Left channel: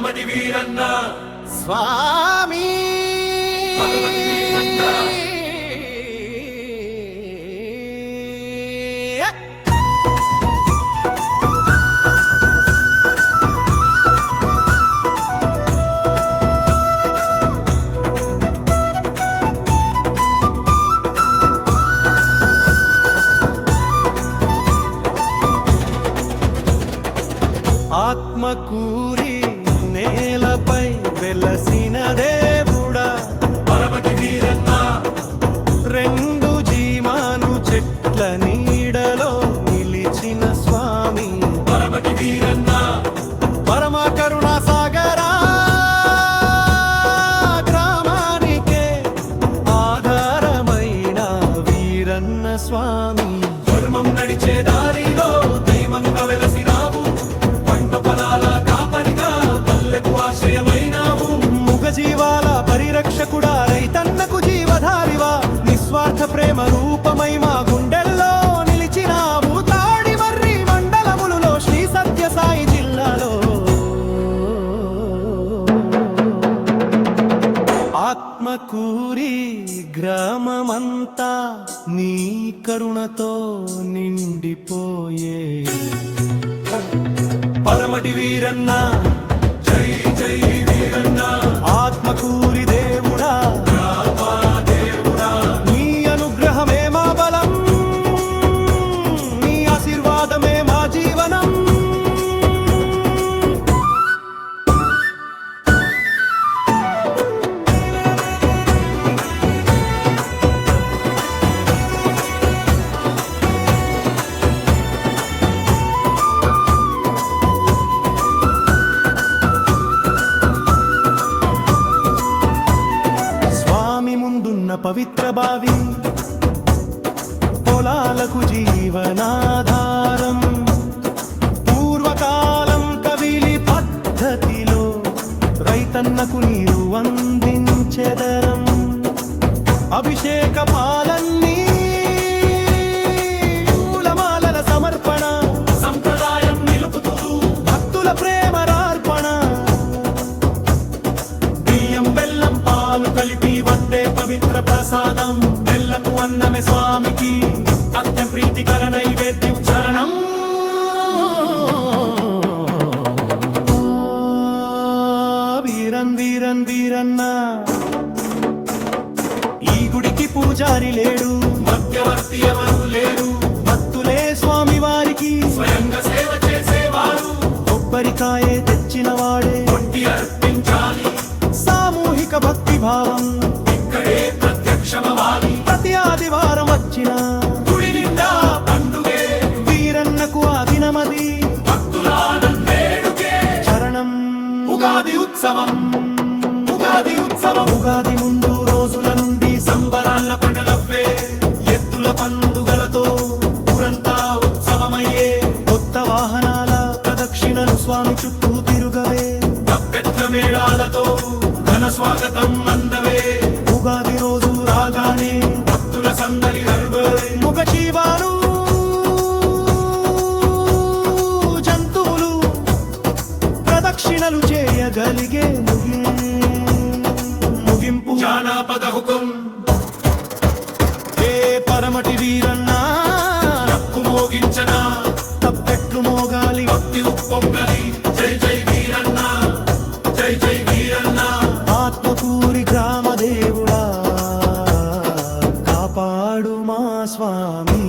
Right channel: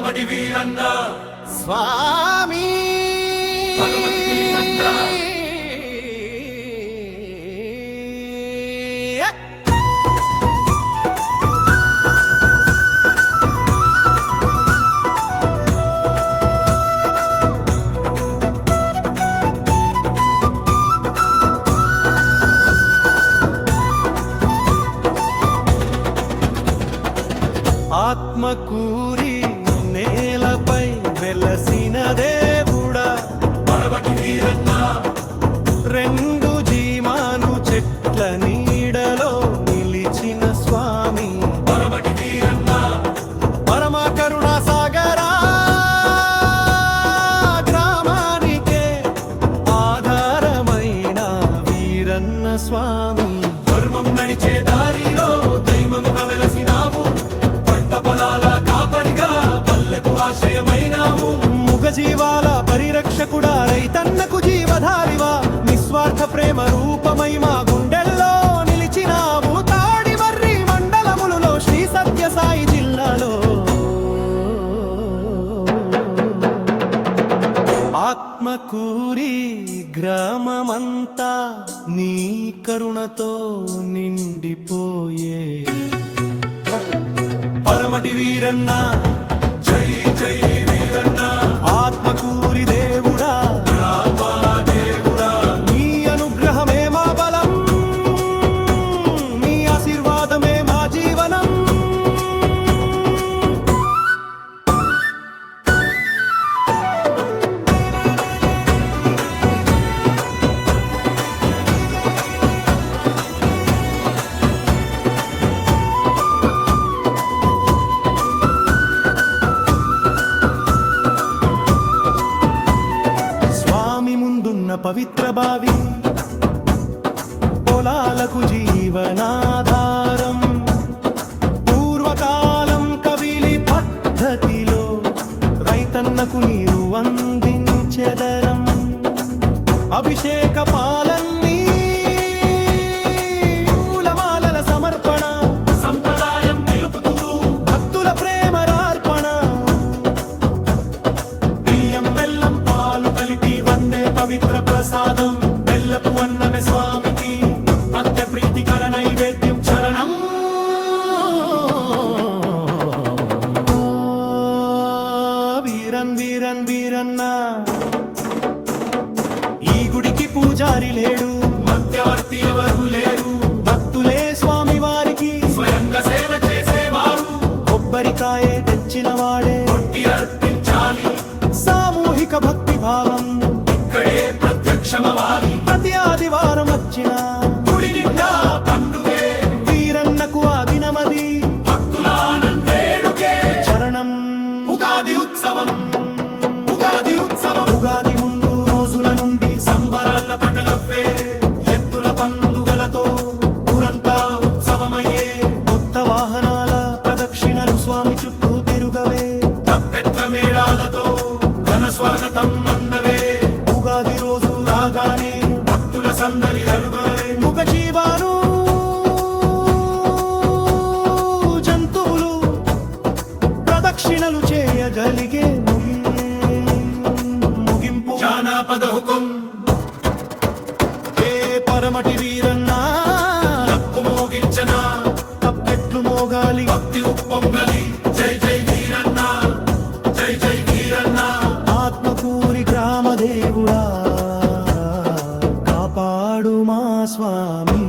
పరమటి వీరన్న స్వామి ఆత్మకూరి నేలపై వెలసిన దేవుడా పరమటి వీరన్న రెండు జీమాను చెట్ల నీడలో నిలిచిన స్వామి పరమటి వీరన్న పరమ కరుణా సాగరా గ్రామానికే ఆధారమైన వీరన్న స్వామి ధర్మం నడిచే దారిలో దైవంగా వెలసినావు పంట పొలాల కాపరిగా పల్లెకు ఆశ్రయమైనావు జీవాల పరిరక్షకుడా రైతన్నకు జీవధారివా నిస్వార్థ ప్రేమ రూపమై మా గుండెల్లో నిలిచినావు తాడి మర్రి మండలములలో శ్రీ సత్యసాయి జిల్లాలో ఆత్మకూరి గ్రామమంతా నీ కరుణతో నిండిపోయే పరమటి వీరన్న జై జై వీరన్న ఆత్మకూరి దేవుడా నీ అనుగ్రహమే మా బలం నీ ఆశీర్వాదమే మా జీవనం ముందున్న పవిత్ర బావి పొలాలకు జీవనాధారం పూర్వకాలం కవిలి పద్ధతిలో రైతన్నకు నీరు అందించెదరం అభిషేక పాలన్నీ పూలమాలల సమర్పణ సంప్రదాయం నిలుపుతూ భక్తుల ప్రేమరార్పణ బియ్యం బెల్లం పాలు కలిపి వందే పవిత్ర ప్రసాదం బెల్లపు అన్నమే స్వామికి అత్యంత ప్రీతికర నైవేద్యం చరణం వీరన్ వీరన్ వీరన్న ఈ గుడికి పూజారి లేడు మధ్యవర్తి ఎవరు లేరు భక్తులే స్వామి వారికి స్వయంగా సేవ చేసేవారు కొబ్బరికాయే తెచ్చిన వాడే కొట్టి అర్పించాలి సామూహిక భక్తి భావం ఇక్కడే ప్రత్యక్షమవాలి ప్రతి ఆదివారం వచ్చిన గుడి నిండా పండుగే వీరన్నకు ఆ దినమది భక్తుల ఆనందేడుకే చరణం ఉగాది ఉత్సవం ఉగాది ఉత్సవం ఉగాది ముందు రోజుల నుండి సంబరాల పండలవ్వే ఎత్తుల పండుగలతో ఊరంతా ఉత్సవమయ్యే కొత్త వాహనాల ప్రదక్షిణలు స్వామి చుట్టూ తిరుగవే తప్పెత్త మేళాలతో ఘన స్వాగతం అందవే ఉగాది రోజు రాగానే భక్తుల సందడి నలుగవే ముఖ జీవాలు జంతువులు ప్రదక్షిణలు చేయగలిగే ముగింపు జానపద హుకుం ఏ పరమటి వీరన్నా డప్పు మోగించన తప్పెట్లు మోగాలి భక్తి ఉప్పొంగలి జై జై వీరన్న జై జై వీరన్న ఆత్మకూరి గ్రామదేవుడా కాపాడు మా స్వామి